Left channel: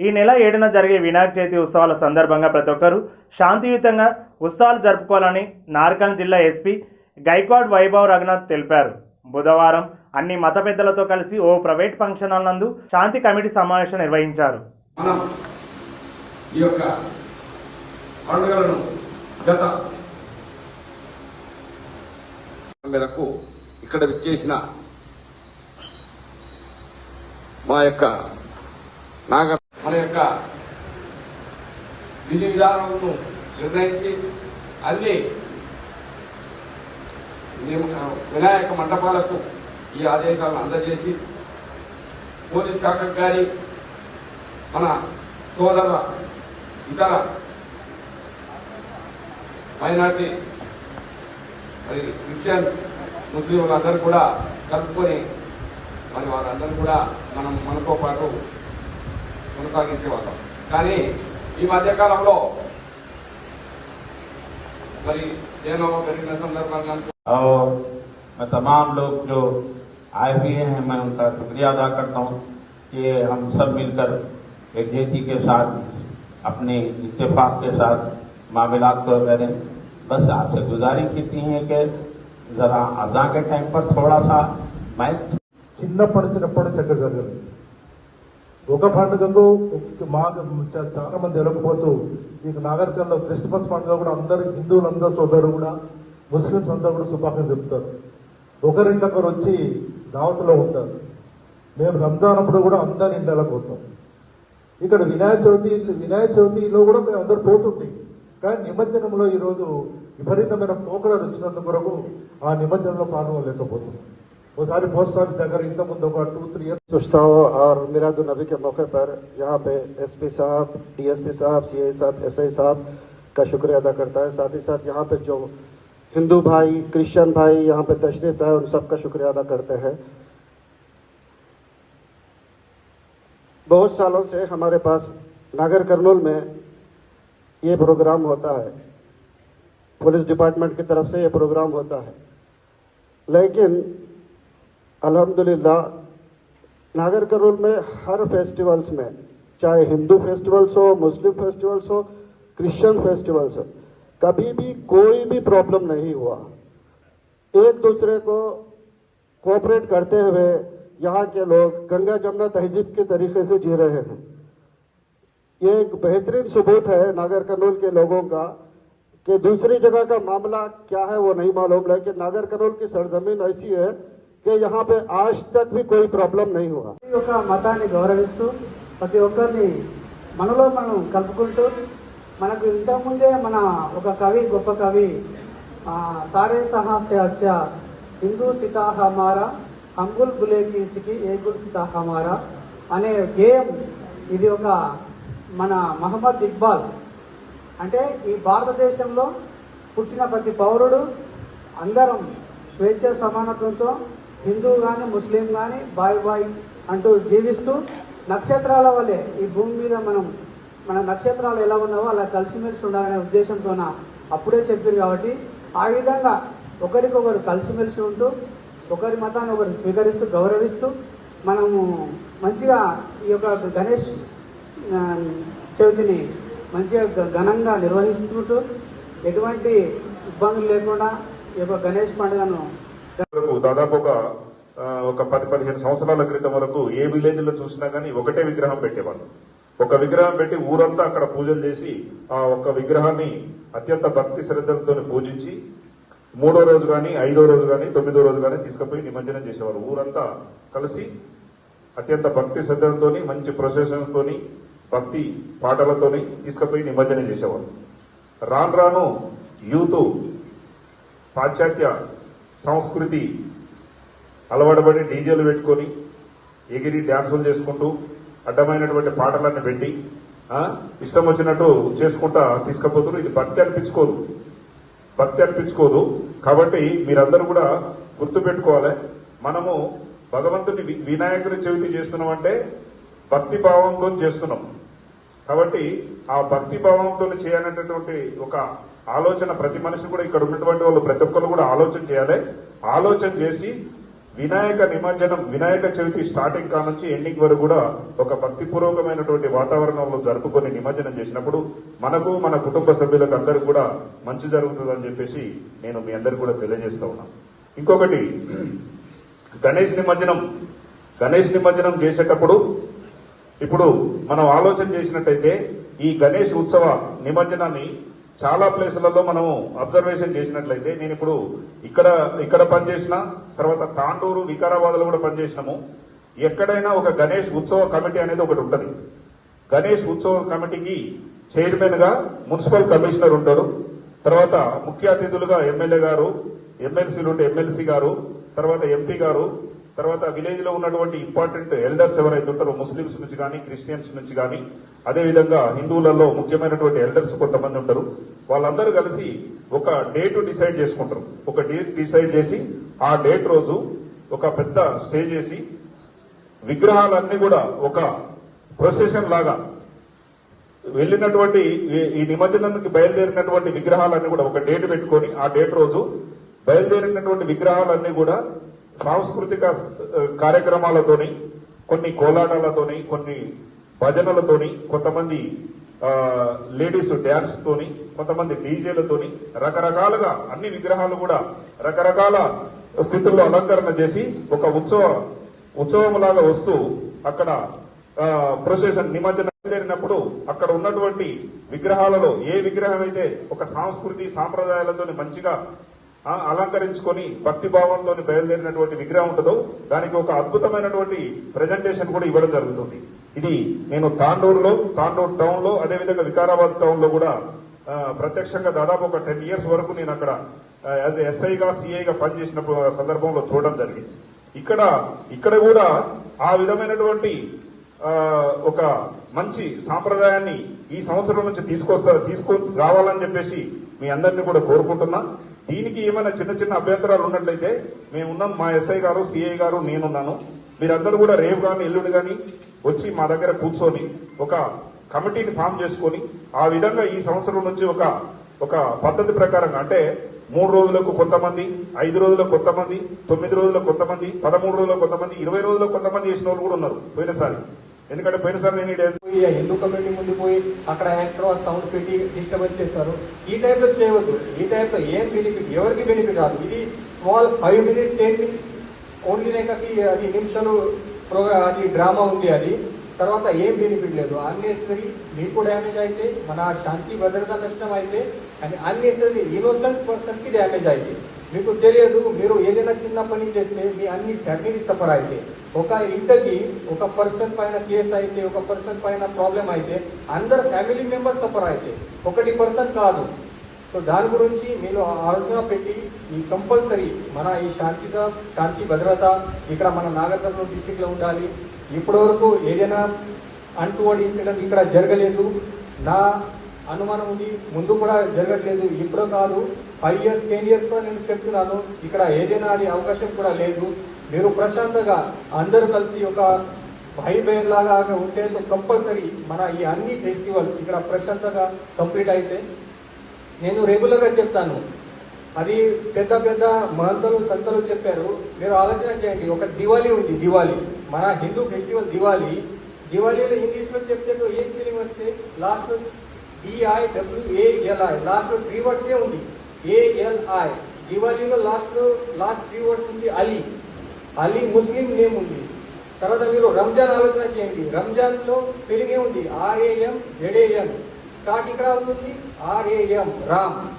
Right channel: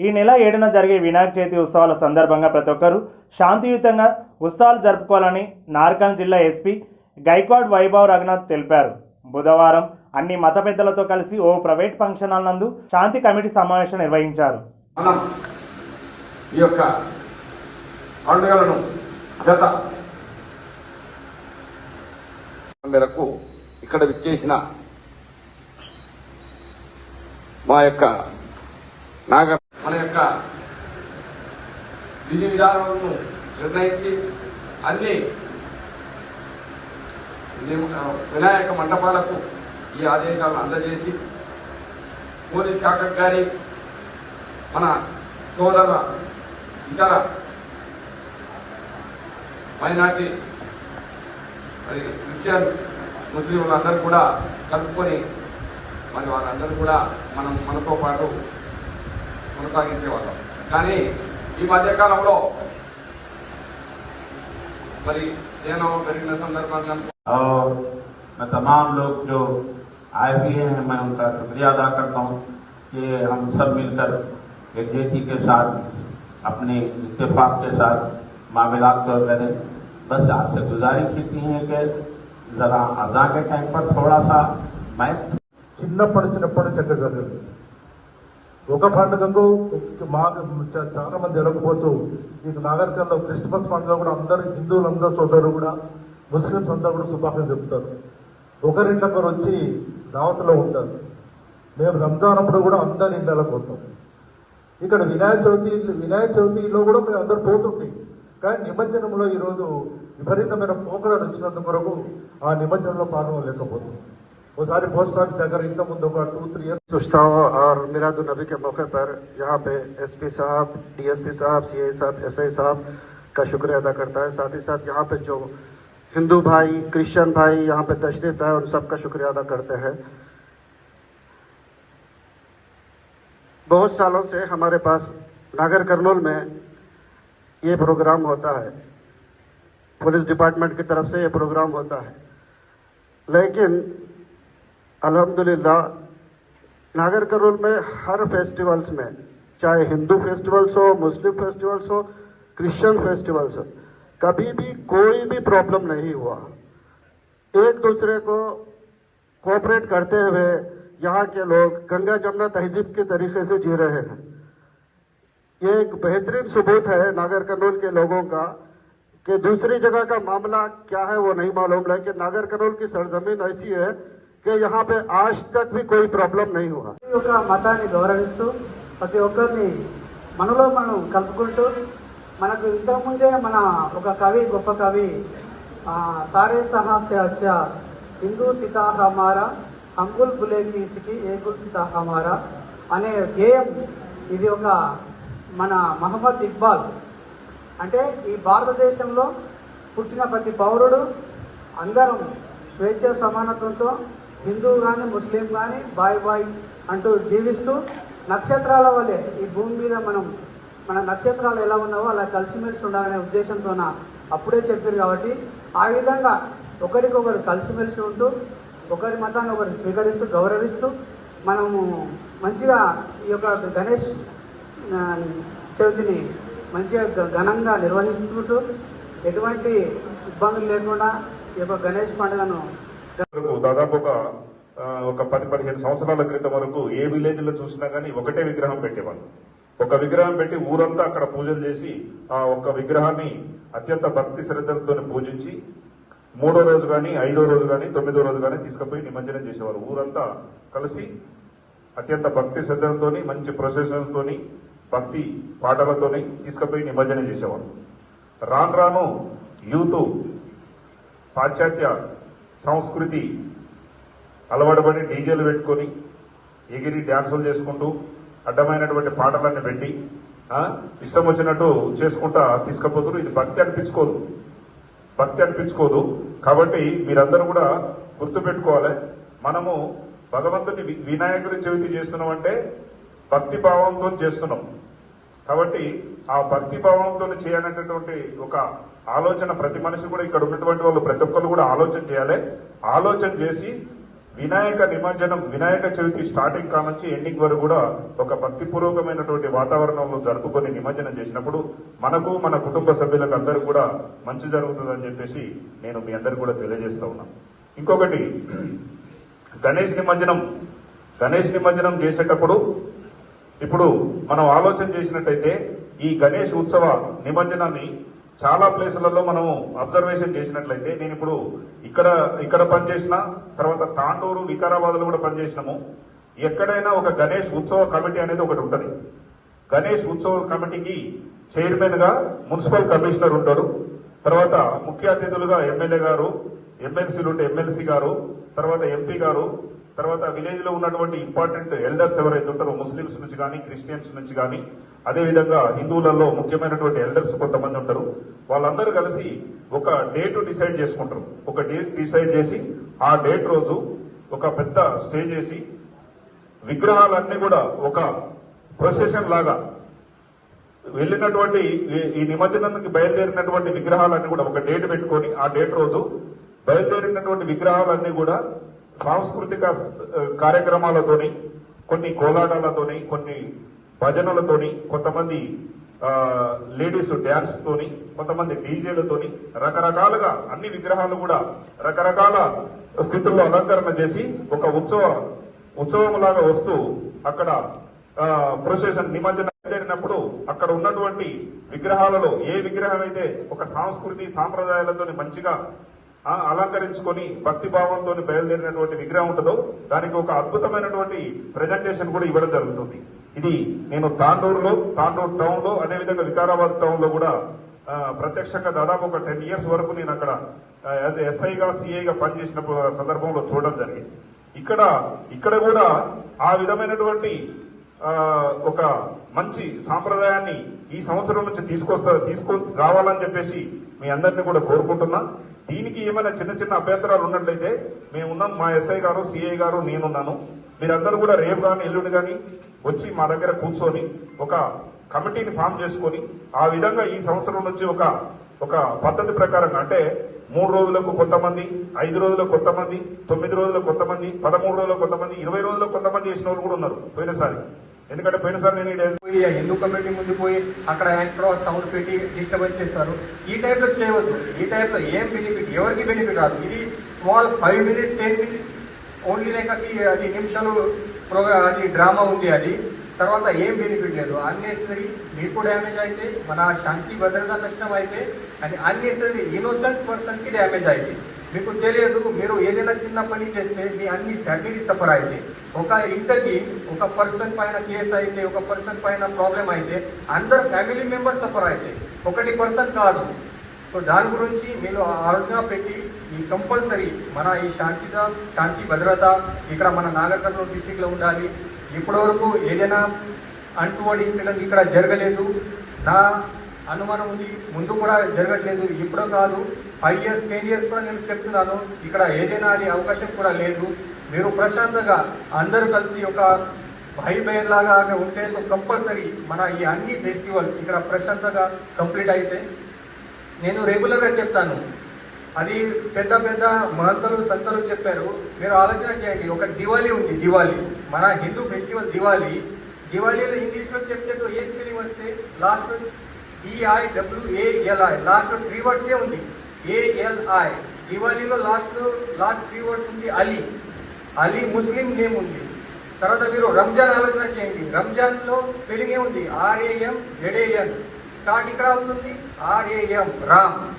ఈ నెల ఏడున జరిగే వినాయక చవితి ఉత్సవాల సందర్భంగా ప్రతి ఒక్కరూ శాంతియుతంగా ఉత్సవాలు జరుపుకోవాలని నార్కల్ జిల్లా ఎస్పీ గైక్వాడ్ వైభవ్ రఘునాథ్ తెలిపారు. బుధవారం అన్ని మత పెద్దలతో కలిసి ఓ ప్రైవేట్ ఫంక్షన్ హాల్ నందు శాంతి కమిటీ సమావేశం నిర్వహించారు. ఈ యొక్క పండుగలను గత మేరకు ఇక్కడ విచ్చేసిన మా యొక్క నాగ మన యొక్క విధి విధానాలను నిర్ణయించి అన్ని వినాయక మండపాలకు ఈ ఆదేశాలను అందజేసి పోలీస్ శాఖ గారి మన సోదర ఇతర మైనార్టీ మరి క్రిస్టియన్ ముస్లింలందరూ కూడా కలుపుకొని మరి వారందరూ కూడా మనం మనతో పాటు కొనసాగించేవాళ్ళం కానీ ఈ మధ్యకాలంలో మరి నేను పెరిగిన సందర్భంగా और मैं तमाम लोग जो आए हुए हैं मैं उनका शुक्रिया अदा करता हूं कि हम सब मिलकर एक जेठी के साथ अपने इत्तेफाक के साथ मामला को करें बस आपसे गुजारिश इतनी है कि जरा अदा के टाइम पर थोड़ा सा मैं చిన్నప్పటి చిన్నప్పటి చక్కగా జరిగింది ఒక పండుగకు మా చాలా మంది వెళ్ళకపోతూ ఈ నాగరికంలో క్రిస్మస్ పండుగ కూడా అందరు హిందువులందరూ సోదరు కూడా ముస్లింస్ అందరూ కూడా శుభాకాంక్షలు చెప్తారు ఒకరింటొకరు వచ్చి దావతలో ఉంటారు. మేము రంజాన్ అప్పుడు కూడా అందరి ఇండాలకు పోతాం. ఇక్కడ వినాయక చవితి వినాయక చవితిలో కూడా మేము అందరు పోతుంది కానీ నిమజ్జనంలో ఈరోజు విపరీతమైన పోకడాలు వచ్చినందుకు కొరకు ఆ నిమజ్జనంలో పాల్గొనలేకపోతున్నాం सारी बहुत सारी अगर इनका मुद्दों का टू थ्री और मिलादुलनबी के मौके पर यहाँ पे एसपी साहब डीएसपी साहब सीए साहब एसआई साहब का शुक्रिया अदा करता है। साथ ही साथ यहाँ पे जो हिंदू भाई क्रिश्चियन भाई यहाँ पे तशरीफ़ है उन सबका शुक्रिया अदा करते हैं। बहुत सालों से हमारे पास नागर करनूल में ये प्रोग्राम होता है। पुलिस डिपार्टमेंट की तरफ़ से ये प्रोग्राम होता है। लेकिन अल्हम्दुलिल्लाह, नागर करोल में हर फेस्टिवल्स में, चाहे हिंदू फेस्टिवल्स हो, मुस्लिम फेस्टिवल्स हो क्रिश्चियन फेस्टिवल्स हो, कभी भी कोई भी प्रॉब्लम नहीं हुआ। एक दूसरे को कोऑपरेट करते हुए यहाँ के लोग गंगा जमुना तहजीब के तरीके से जी रहे हैं। ये एक बेहतरीन सबूत है नागर कनौल के लोगों का कि दूसरी जगह का मामला क्या है वो नहीं मालूम, लेकिन नागर कनौल की सरजमीन ऐसी है कि यहाँ पे आज तक भी कोई प्रॉब्लम नहीं हुआ ప్రతి ఒక్క మతాన్ని గౌరవిస్తూ ప్రతి ఒక్కరిని మనలో మనం కలుపుకుంటూ మనకు ఇంతకుముందే మన ఒక కవి గొప్ప కవి ఆ, సారే సహాస్య అచ్చ హిందూ సితా హమారా అంగుల్ బులే కీసికి ఏకుల్ సితా హమారా అనే గేయం ఇది ఒక మన మహమ్మద్ ఇక్బాల్ అంటే ఈ భారతదేశంలో పుట్టిన ప్రతి పౌరుడు అందరం స్వేచ్ఛ సమానత్వంతో హిందూ కానీ ముస్లిం కానీ బాయ్ బాయ్ అంటూ జీవిస్తూ నక్షత్రాల వల్లే ఈ భూమి మీద మనం మన నక్షత్రాలు ఎలా ఉన్నావో అలా కలిసిమెలిసి ఉండాలనే ఉద్దేశంతో అప్పుడే చెప్పారు కాబట్టి ఆ విధంగా ఒకరికొకరు కలిసిమెలిసి ఉంటూ ఒకరి మతాన్ని ఒకరు స్వీకరిస్తూ గౌరవిస్తూ మనము మంచిగా ఈ యొక్క గణేష్ చవితిని మంచిగా ఘనంగా నిర్వహిస్తుంటూ ఎటువంటి ఇబ్బందులు లేకుండా ఈ యొక్క గణేష్ పండుగను దాదాపు ఒక ఒక పది పదిహేను సంవత్సరాల క్రితం వరకు ఏ విలేజ్లో చూసినా కానీ ఒకటే విగ్రహం పెట్టేవాళ్ళు. ఒక విగ్రహం పెట్టి ఊరంతా అక్కడ పూజలు చేసి ఆ ఒక్క విగ్రహాన్ని అత్యంత భక్తి శ్రద్ధలతో పూజించి మూడో రోజు కానీ ఐదో రోజు కానీ తొమ్మిదో రోజు కానీ తీసుకుపోయి నిమజ్జనం చేసేవారు ఊరంతా కలిసి అత్యంత భక్తి శ్రద్ధలతోని మంచి ప్రొసెషన్తో భక్తి పాటలతో తీసుకుపోయి నిమజ్జనం చేసేవారు రాను రాను యూత్ పాశ్చాత్య సంస్కృతి అలవాటుపడి డీజేలు పెట్టుకొని ఎగిరి డ్యాన్సులు చేసుకుంటూ అడ్డమైనటువంటి పాటలను పెట్టి ఇష్టం వచ్చినట్టు చేసుకుంటా తీసుకపోతున్నారు. ఇది భక్తి అనిపించుకోరు భక్తి అనిపించుకోదు. కాబట్టి మీరందరూ కూడా గుర్తు పెట్టుకోవాలి. మనము భగవంతుని వినాయకుడి చవితి చేస్తున్నాం అంటే భక్తి భావంతో చేస్తున్నాం. కాబట్టి ఆ భక్తి భావంతో చేయాలనేటువంటి ఒక ఆలోచన ప్రతి మనిషి కూడా ఇక్కడ ఉన్నటువంటి వాళ్ళు ప్రతి ఒక్కరు కూడా ఆలోచన చేయాలి. ఆలోచన చేసి వినాయక నిమజ్జనం వినాయక చవితి స్టార్టింగ్ కాల నుంచి ఎండింగ్ వరకు కూడా ఒక భక్తిపూర్వకమైనటువంటి వాతావరణంలో జరుపుకొని నిమజ్జనం చేసినప్పుడు మనకు మన కుటుంబ సభ్యులకు అందరికీ కూడా మంచి జరుగుతుందని చెప్పేసి నేను మీ అందరికీ కూడా తెలియజేస్తా ఉన్నాను. ఇంకొకటి గణేష్ నిమజ్జనం. గణేష్ నిమజ్జనం చేసేటప్పుడు ఇప్పుడు మనం ఆలోచన చేసినట్టయితే ఈ గణేష్ ఉత్సవ నిమజ్జనాన్ని చాలా ప్లేసులలో మనం అబ్జర్వేషన్ చేసినట్లయితే నేను ఇప్పుడు ఇక్కడ ఇక్కడ పనిచేసిన తర్వాత తాండూరు వికారాబాద్లో కూడా పనిచేసినాము. ఎక్కడైనా ఒక గణేష్ ఉత్సవ కమిటీ అనేది ఒకటి ఉంటుంది. గణేష్ ఉత్సవ కమిటీకి చైర్మన్గా మున్సిపల్ కమిషనర్ ఉంటారు. తర్వాత ముఖ్య అతిథులుగా ఎమ్మెల్యే గారు ఎమ్మెల్సీలు ఉంటే ఎమ్మెల్సీ గారు తర్వాత ఎంపీ గారు తర్వాత విలేజ్లో ఉన్నటువంటి ఇంపార్టెంట్ ఎల్డర్స్ ఎవరైతే ఉంటారో ముస్లిమ్స్ నుంచి కానీ క్రిస్టియన్స్ నుంచి కానీ అదేవిధంగా హిందువులలో ముఖ్యమైనటువంటి ఎల్డర్స్ కొంతమంది ఉంటారు. వాళ్ళందరూ కలిసి ఒక డేట్ డిసైడ్ చేసుకుంటారు. ఒక డేట్ డిసైడ్ చేసి ఆ డేట్ రోజు ఒక పెద్ద స్టే చేసి విగ్రహాలన్నీ కూడా ఒక ప్రొసెషన్ లాగా వెళ్ళినటువంటి ఈ- నిమజ్జనానికి బయలుదేరినటువంటి విగ్రహాలన్నీ కూడా ఒక డేట్ పెట్టుకొని ఆ డేట్ రోజు బయలుదేరినటువంటి విగ్రహాలన్నీ కూడా సాంస్కృతిక కార్యక్రమాలతోని కొన్ని కోలాటాలతోని కొన్ని భజనలతోని కొంతమంది లేడీస్ డ్యాన్స్ తోని కొంతమంది డీజేలతోని రకరకాలుగా అన్ని విగ్రహాలు కూడా రకరకాల స్థితుల్లో అలంకరణ చేసి ఒక ఉత్సవ ఉత్సవం లాగా వస్తూ అక్కడ ప్రొసెషన్ నిమజ్జనం జరిగినప్పుడు అక్కడ ఉన్నటువంటి విగ్రహాలలో ఏ విగ్రహం అయితే ఒక సంస్కృతి సాంప్రదాయాలతో మంచిగా అలంకరించుకొని భక్తి భావంతో బయలుదేరినటువంటి విగ్రహం ఉంటుందో దానికి ఒక అద్భుతమైనటువంటి ప్రజెంటేషన్ కూడా ఇవ్వడం జరుగుతుంది. ఇది నేను తాండూరులో తాండూరు టౌన్లో అదేవిధంగా వికారాబాద్ టౌన్లో కూడా ప్రత్యక్షంగా దాదాపు ఒక టెన్ ఇయర్స్ వరకు నేను అక్కడ యాజ్ ఎస్ఐగా సిఐగా పనిచేసిన సందర్భంలో చూడడం జరిగింది. ఇక్కడ ఇక్కడ కూడా ఆ విధమైనటువంటి ఒక మంచి సాంప్రదాయాన్ని ఈ సంవత్సరం నుంచి తీసుకొస్తారు తీసుకు రావాలని చెప్పేసి మీ అందరినీ కూడా కోరుకుంటున్నా. దీనికి ఏమైనా చిన్న చిన్న అభ్యంతరాలు ఉన్నట్లయితే మేమున్నాం మా ఎస్ఐ గారు సిఐ గారు నేనున్నాను. మీరందరూ కూడా రేపు కానీ ఎల్లుండి కానీ వచ్చి మా దగ్గర కూర్చొని ఒక కమిటీని ఫామ్ చేసుకొని ఆ విధంగా ఈ సంవత్సరం నుంచి ఒక ఒక పద్ధతి ప్రకారం అంటే మూడు రోజులకు కొంతమంది ఐదు రోజులకు కొంతమంది తొమ్మిది రోజులకు కొంతమంది పదమూడు రోజులకు కొంతమంది ఇరవై రోజులకు కొంతమంది చేసిన వాళ్ళు కూడా ఉన్నారు పోయినసారి. ఎందుకంటే పోయినసారి నేను పోయి హిందూ కమిటీ ముందు పోయి అక్కడ ఎక్కడో సౌండ్ పెట్టి డిస్టర్బెన్స్ చేస్తారు ఈ టైంలో చేయవద్దు. ఈ టైంలో ఏం బెనిఫిట్ ఎవరికి బెనిఫిట్ రాదు? ఇది small five minutes ten minutes. Only like అది అది నిమిషాలు ప్రోగ్రామ్ అది డ్రామా ఉంది అది. తర్వాత ఏం బెనిఫిట్ లేదు. అన్నెసరీ మీకు డ్యామేజ్ అయితే మన శాంతి భద్రత నష్టం అయితే అండ్ అన్నెసరీ ఇన్నోసెంట్ పర్సన్కి డ్యామేజ్ అయితే. మీకు తెలియదు మీరు ఏదైనా చిన్న పని చేస్తే మీ అన్ని ఫ్యామిలీ సఫర్ అయితే. ఒక ఇంటర్కి ఒక పర్సన్ పైన కేసు అయితే ఒక పర్సన్ పైన ప్రాబ్లం అయితే అందరు ఫ్యామిలీ మెంబర్స్ సఫర్ అయితే. ఒకటి పర్సన్ కాదు. సో దాని గురించి మీరు ఆలోచన పెట్టి ఈ కంపల్సరీ మన ఈ శాంతి శాంతి భద్రత ఇక్కడ మన నాగర్కర్నూలు డిస్టిక్లో డిస్టిక్లో ఉండాలి. ఇప్పటివరకు ఏదైనా అంటువర్డ్ ఇన్సిడెంట్ ఇక్కడ జరగలేదు. నా అనుమానం ఉంది. ముందు కూడా జరగట్లేదు. ఇప్పుడు కాదు. ఫైవ్ ఇయర్స్ టెన్ ఇయర్స్ కూడా నేను చెప్తున్నాను. ఇక్కడ ఏదైనా అది అవకాశం కూడా లేదు. మీరు ప్రశాంతంగా అందరూ కలిసి ఒక భై బయన్ లాగా ఉంటే కంపల్సరీ మన ఈ అన్ని ఫెస్టివల్స్ ఇక్కడ ప్రశాంతంగా కంప్లీట్ అయితే నేను రెగ్యులర్గా చెప్తాను. అది పెద్ద పెద్ద మహంతలు సంతలు చెప్పారు. మీరు ఆలోచన చేయండి. ఒక దివాళీ ఉంది దివాళీ. మన హిందూ ఫెస్టివల్ దివాళీ. దివాళీలో ఇంగ్లీష్లో చెప్తే ఏ స్పెల్లింగ్ వస్తే last D I W A L I last three words ఏ ఉంది. ఏఎల్ఐ దివాళీలో లాస్ట్ లాస్ట్ త్రీ వర్డ్స్ ఉంది అలీ. అలీ ముస్లిం నేమ్ ఉంది. తర్వాత మీరు రంజాన్ ఆలోచన చేయండి. రంజాన్లో spelling A R A M Z A N start ఇక్కడ అవుతుంది ఆర్ఏఎం రామ్.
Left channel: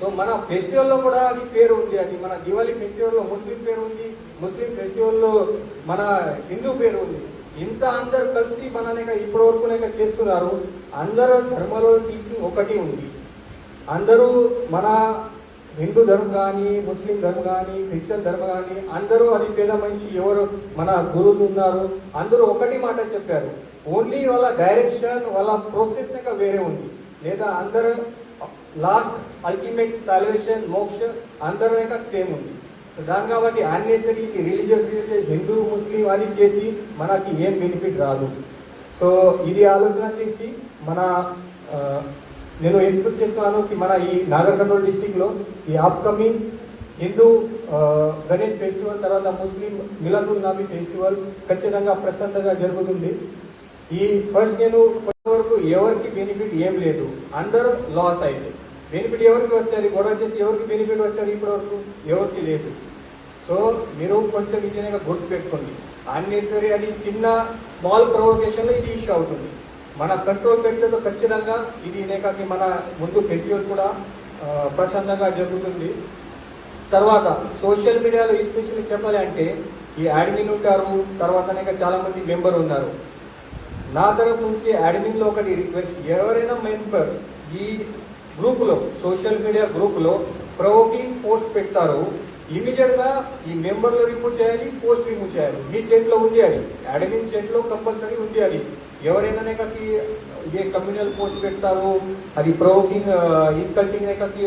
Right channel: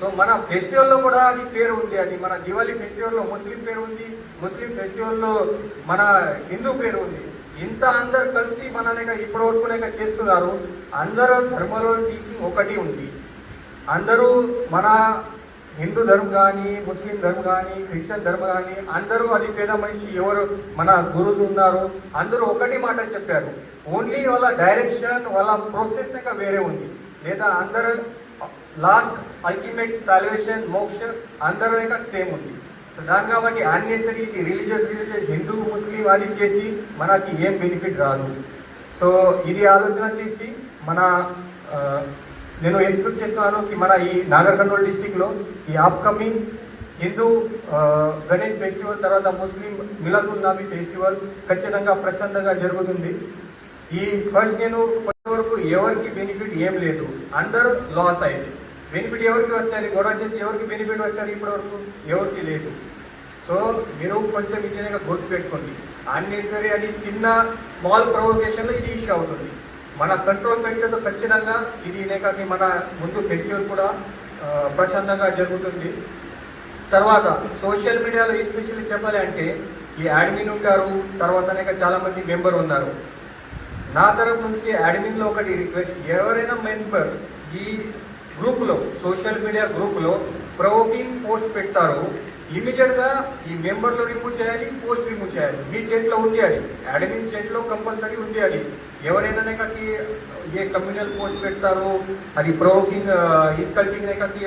సో మన ఫెస్టివల్లో కూడా అది పేరు ఉంది. అది మన దివాళీ ఫెస్టివల్లో ముస్లిం పేరు ఉంది. ముస్లిం ఫెస్టివల్లో మన హిందూ పేరు ఉంది. ఇంత అందరు కలిసి మన ఇప్పటి వరకు చేస్తున్నారు. అందరు ధర్మలో టీచింగ్ ఒకటి ఉంది. అందరూ మన హిందూ ధర్మం కానీ ముస్లిం ధర్మం కానీ క్రిస్టియన్ ధర్మం కానీ అందరూ అది పేద మనిషి ఎవరు మన గురువులు ఉన్నారు. అందరూ ఒకటి మాట చెప్పారు. ఓన్లీ వాళ్ళ డైరెక్షన్ వాళ్ళ ప్రోసెస్ వేరే ఉంది. లేదా అందరూ లాస్ట్ అల్టిమేట్ సాల్వేషన్ మోక్ష అందరూ సేమ్ ఉంది. సో దాని కాబట్టి unnecessary religious religious Hindu Muslim అది చేసి మనకి ఏం బెనిఫిట్ రాదు. సో ఇది ఆలోచన చేసి మన నేను ఎక్స్పెక్ట్ చేస్తున్నాను కి మన ఈ నాగర్ కర్నూలు డిస్టిక్లో ఈ అప్కమింగ్ హిందూ గణేష్ ఫెస్టివల్ తర్వాత ముస్లిం మిలదుల్ నాబీ ఫెస్టివల్ ఖచ్చితంగా ప్రశాంతంగా జరుగుతుంది. ఈ ఫస్ట్ నేను వరకు ఎవరికి బెనిఫిట్ ఏం లేదు. అందరూ లాస్ అయింది బెనిఫిట్ ఎవరికి వస్తుంది గొడవ చేసి ఎవరికి బెనిఫిట్ వచ్చారు ఇప్పటి వరకు ఎవరికి లేదు. సో మీరు కొంచెం ఇంజనీర్గా గుర్తు పెట్టుకోండి. అన్నెసరీ అది చిన్న స్మాల్ ప్రొవోకేషన్ ఇది ఇష్యూ అవుతుంది. మన కంట్రోల్ పెట్టేది ఖచ్చితంగా ఇది కాక మన ముందు ఫెస్టివల్ కూడా ప్రశాంతంగా జరుగుతుంది. తర్వాత సోషల్ మీడియాలో ఎస్పెషల్లీ చెప్పాలి అంటే ఈ అడ్మిన్ ఉంటారు తర్వాత అనేక చాలా మంది మెంబర్ ఉన్నారు. నా తరఫు నుంచి అడ్మిన్లో ఒకటి రిక్వెస్ట్ ఎవరైనా మెంబర్ ఈ గ్రూప్లో సోషల్ మీడియా గ్రూప్లో ప్రొవోకింగ్ పోస్ట్ పెడతారు ఇమీడియట్గా ఈ మెంబర్లో రిమూవ్ చేయాలి పోస్ట్ రిమూవ్ చేయాలి. మీ చేతిలో ఉంది అది. అడ్మిన్ చేతిలో కంపల్సరీ ఉంది అది. ఎవరైనా కాకి ఏ కమ్యూనల్ పోస్ట్ పెడతారు అది ప్రొవోకింగ్ ఇన్సల్టింగ్ నేకకి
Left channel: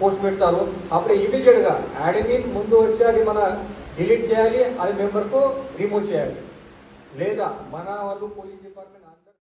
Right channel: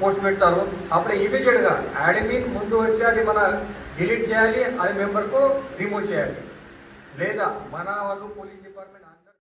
పోస్ట్ పెడతారు అప్పుడు ఇమీడియట్గా అడ్మిన్ ముందు వచ్చి అది మన డిలీట్ చేయాలి అది మెంబర్కు రిమూవ్ చేయాలి. లేదా మన వాళ్ళు పోలీస్